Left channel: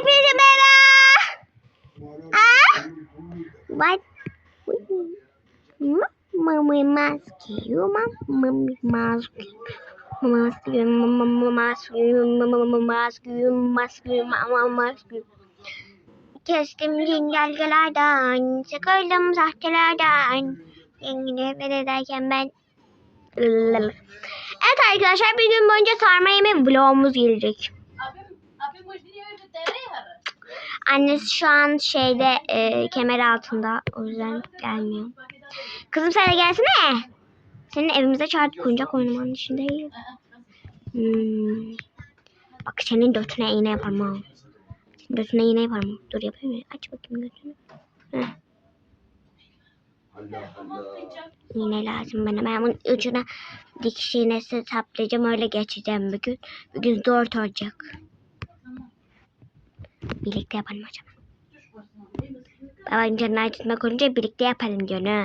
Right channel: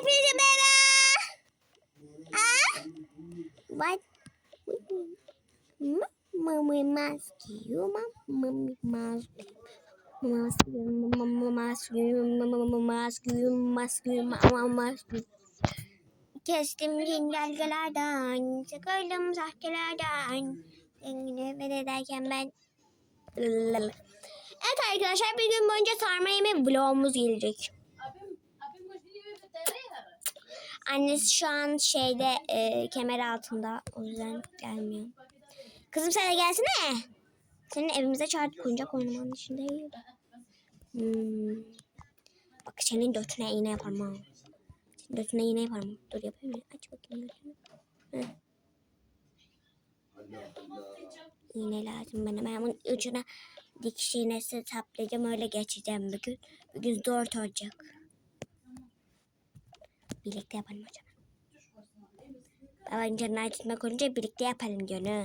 hepinize merhaba. Ah? What? Mama mask. You mama mask. Mask, mama mask, mama mask, mask, mama mask. Kestim cingelgelerden, sıkıldım sahtelerden. Yengine ederken ben... Evet arkadaşlar bir gün boyunca sarma yeme vlogumuz gelecek. Abim, abim hoje niye öyle devre Annesi şu an şeyde e, kemer altında. O yüzden gelmiyor. Kızım sen de gelsene. Senin evimize çağırdık oyuncak oynamanın içindeyiz. Hmm. Bak senin götüne iğne yaparım ha. Götüne iğne yaparım. Dur yapayım mı? Aç bakayım götünü. Heh. İğne lazım bana. Ben bunun ucuna dikiş iğnesi saplayacağım. Öyle geçeceğim bugün. Bugün zor olacak. Birlikte yapalım hocam. Babanın canını acıtmak olunca birlikte yapalım diyor ha.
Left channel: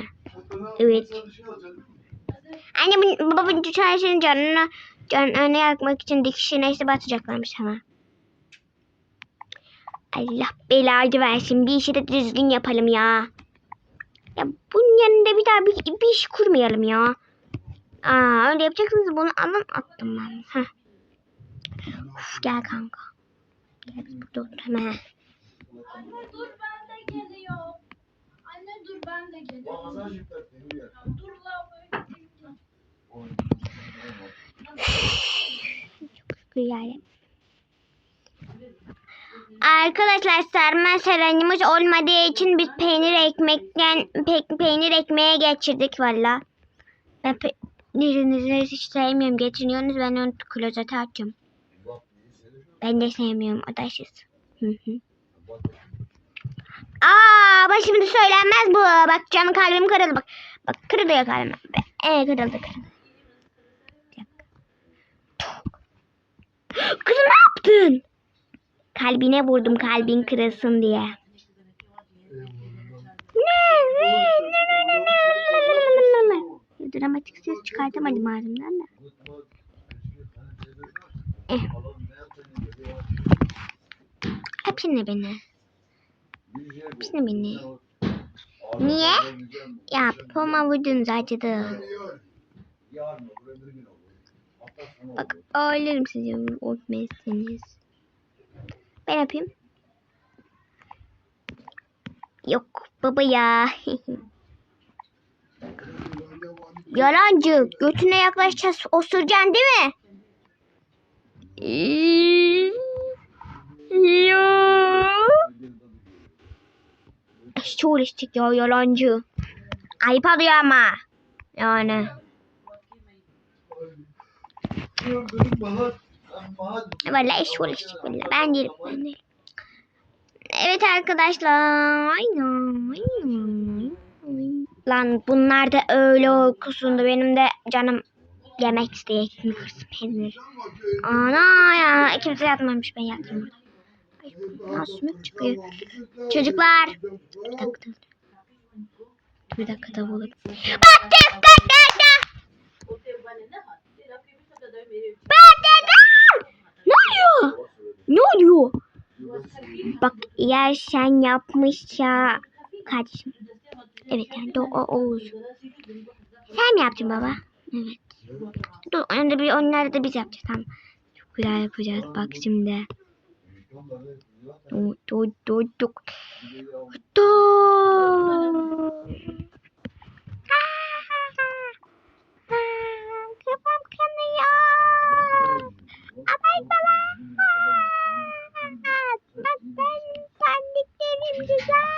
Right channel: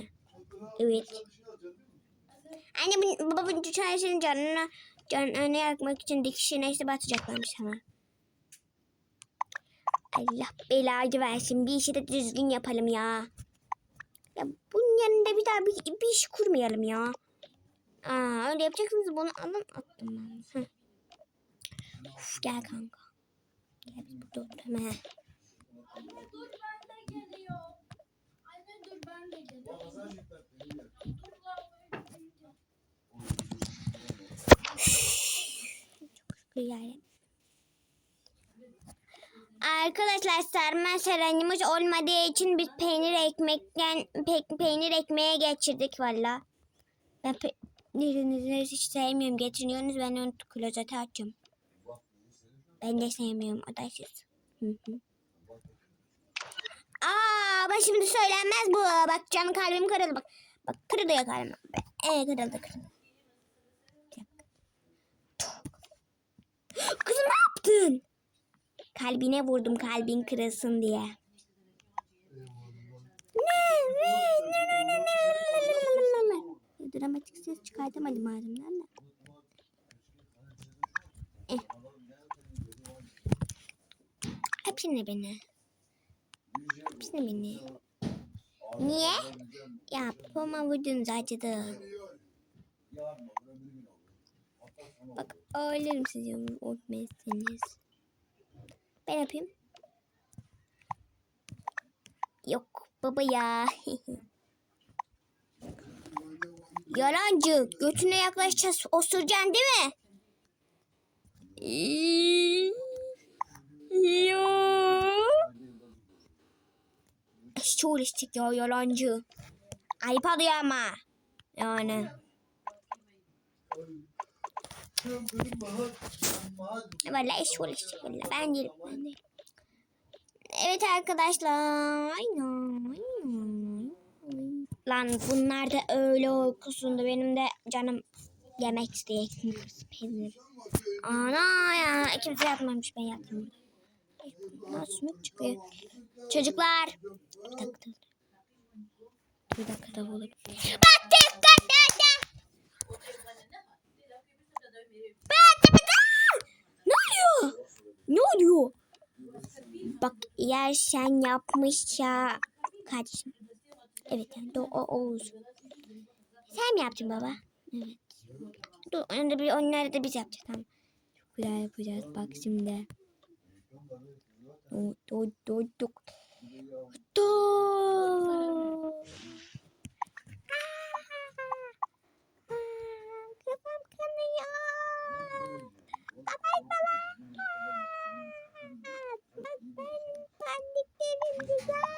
Evet. Anne bu, babamın çarşının canını canını yakmak için dikiş iğnesi batacaklarmış ama. Allah belayı versin. Bir işi de düzgün yapalım ya. Ya bunun yanında bir daha bir, bir iş kurmayalım ya. Aa öyle yapacaksınız bunu alın attım ben. Heh. Uf, gel kanka. Gel biz burada oturalım. he. Anne dur ben de geliyor. Anne dur ben de geliyorum. Dur la böyle. Yani. Arkadaşlar sarma saranımız olmadığı için biz peynir ekmekten pe- peynir ekmeğe geçirdik valla. Ben peynirinizi hiç sevmiyorum. Getiriyorsunuz ben onu klozete açacağım. Ben de sevmiyorum. Hı. Aa, bak şimdi söylenmez bu. Bak canım kalbim kırıldı bak. Bak kırılıyor kalbim. Ee, kırıldı kırıldı. Kızım ne yaptın? Kalbine vurdum kalbin kırılsın diye. Dramatik ses çıkartamadım ağzımdan da. Eh. Hepsini beni. Hepsini beni. Niye? Ya popoma vurdunuz acıdı. Bak ağlarım sizi unutmayasınız. Ben yapayım. Yok baba ya. Yalancı. Götüne yaklaşacağız. Osuracaksın değil mi? Yok. Hiç uğraştık ya yalancı. Ayıp alıyor ama. Yani. Vallahi iş uğraştık vallahi. Ben değilim. Ben değilim. Evet arkadaşlar. Lan bunlar da öyle uykusundu. Benim de canım yemek peynir. Ana ya. Kimse yatmamış. Ben yattım. Ya sümük çıkıyor. Çocuklar. Bir dakika. Bir dakika da olur. Bak dakika dakika. Ne oluyor? Ne oluyor? Bak eğer sen yapmış ya kardeşim. Evet yani o, o Oğuz. Sen mi yaptın baba? Evet. Dur önde bir onları da biz yapacağız tamam. Çok güzel yapacağız bak şimdi. Dur. Kafam kanıyor. Ay baba. Bak ben pandiklerim güzel.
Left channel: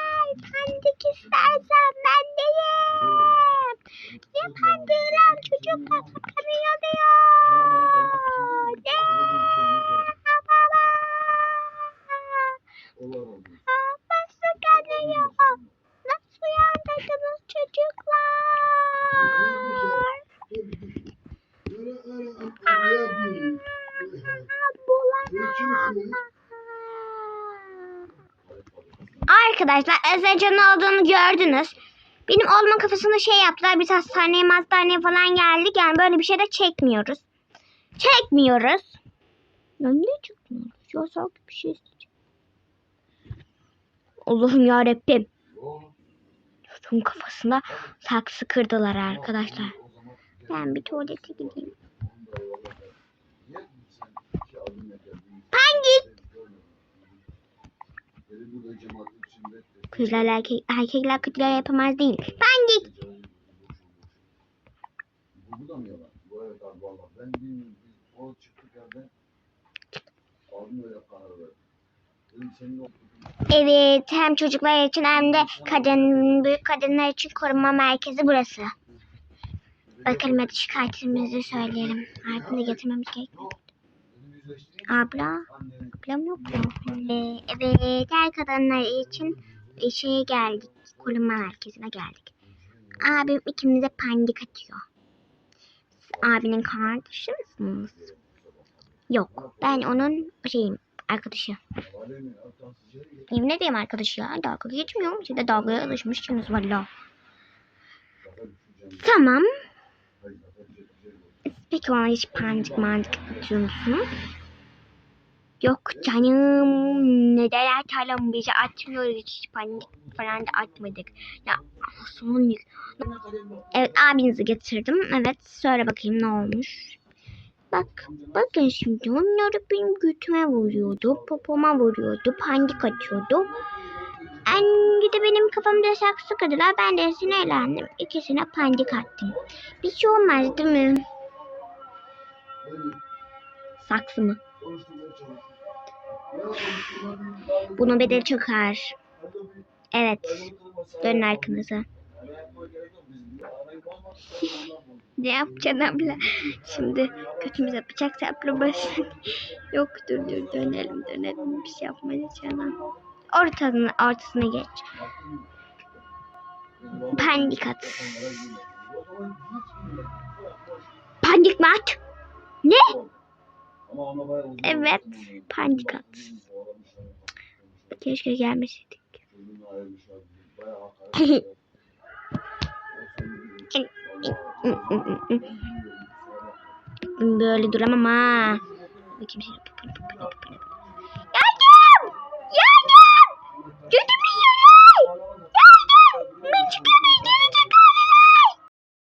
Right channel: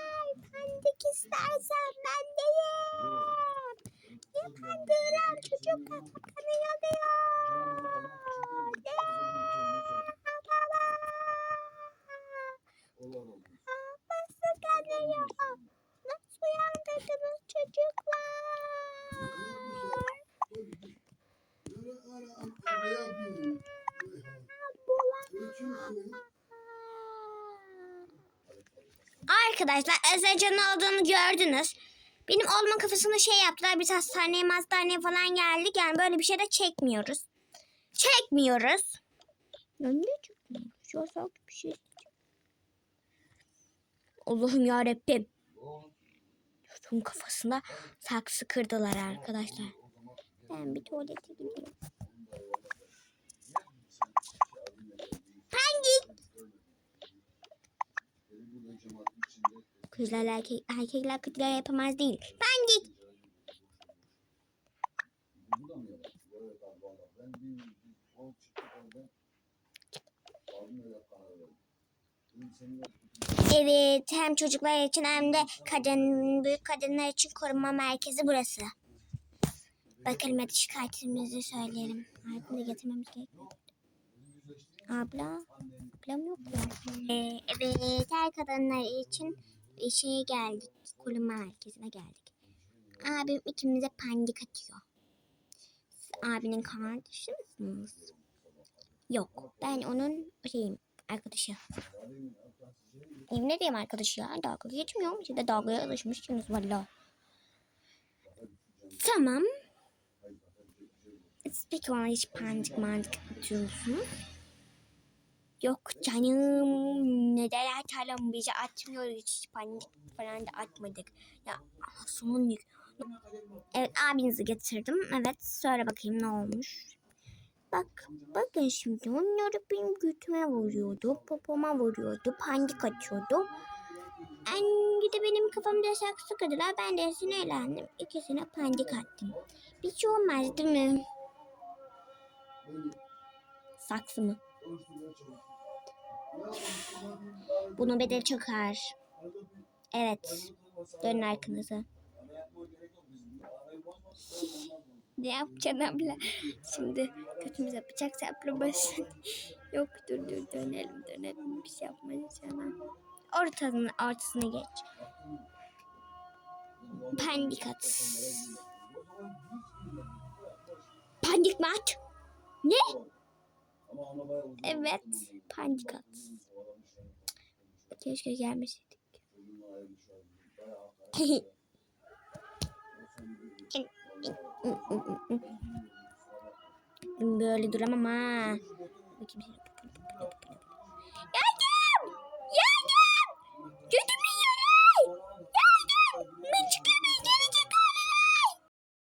Arkadaşlar Ezrecan'ın olduğunu gördünüz. Benim olma kafasında şey yaptılar. Biz hastaneye hastaneye falan geldik. Yani böyle bir şey de çekmiyoruz. Çekmiyoruz. Ya ne çekmiyoruz? Ya sanki bir şey Allah'ım yarabbim. Yusuf'un kafasına saksı kırdılar arkadaşlar. Ben bir tuvalete gideyim. Pandik. Kızlar erkek, erkekler kötüler yapamaz değil. Ben Evet hem çocuklar için hem de kadın, büyük kadınlar için koruma merkezi burası. Bakalım hadi şikayetimizi söyleyelim. Arkada getirmemiz gerekiyor. Abla. Ablam yok mu? Ee, evet her kadınlar için şeye geldik. Koruma merkezine geldik. Abim ikimize pandik atıyor. Siz abinin kardeşi misiniz? Yok. Ben onun şeyim. Arkadaşı. Yemin ederim arkadaşı ya. Dalga geçmiyorum. Siz de dalgaya alışmışsınız valla. Tamam. Peki ona hiç pandik mandik atıyor musunuz? Yok canım. Neden atalım? Bizi atmıyoruz. Hiç pandik falan da atmadık. Ya son Evet abinizi getirdim. Evet söyle bakayım ne olmuş. Bak bakın şimdi onları benim götüme vuruyordu. Popoma vuruyordu. Pandik atıyordu. Bir de benim kafamda saksı kırdılar. Ben de sinirlendim. İkisine pandik attım. Bir şey olmaz değil mi? Saksı mı? Bunun bedeli çok ağır. Evet. Dönün arkanıza. Ne yapacaksın abla? Şimdi götümüze bıçak saplamasın. Yok dur dur dönelim dönelim. Bir şey yapmayacağım. Ortasına, ortasına geç. Pandik at. Pandik mi at? Evet, pandik at. Keşke gelmeseydik. Böyle duramam ha. Bakayım şöyle.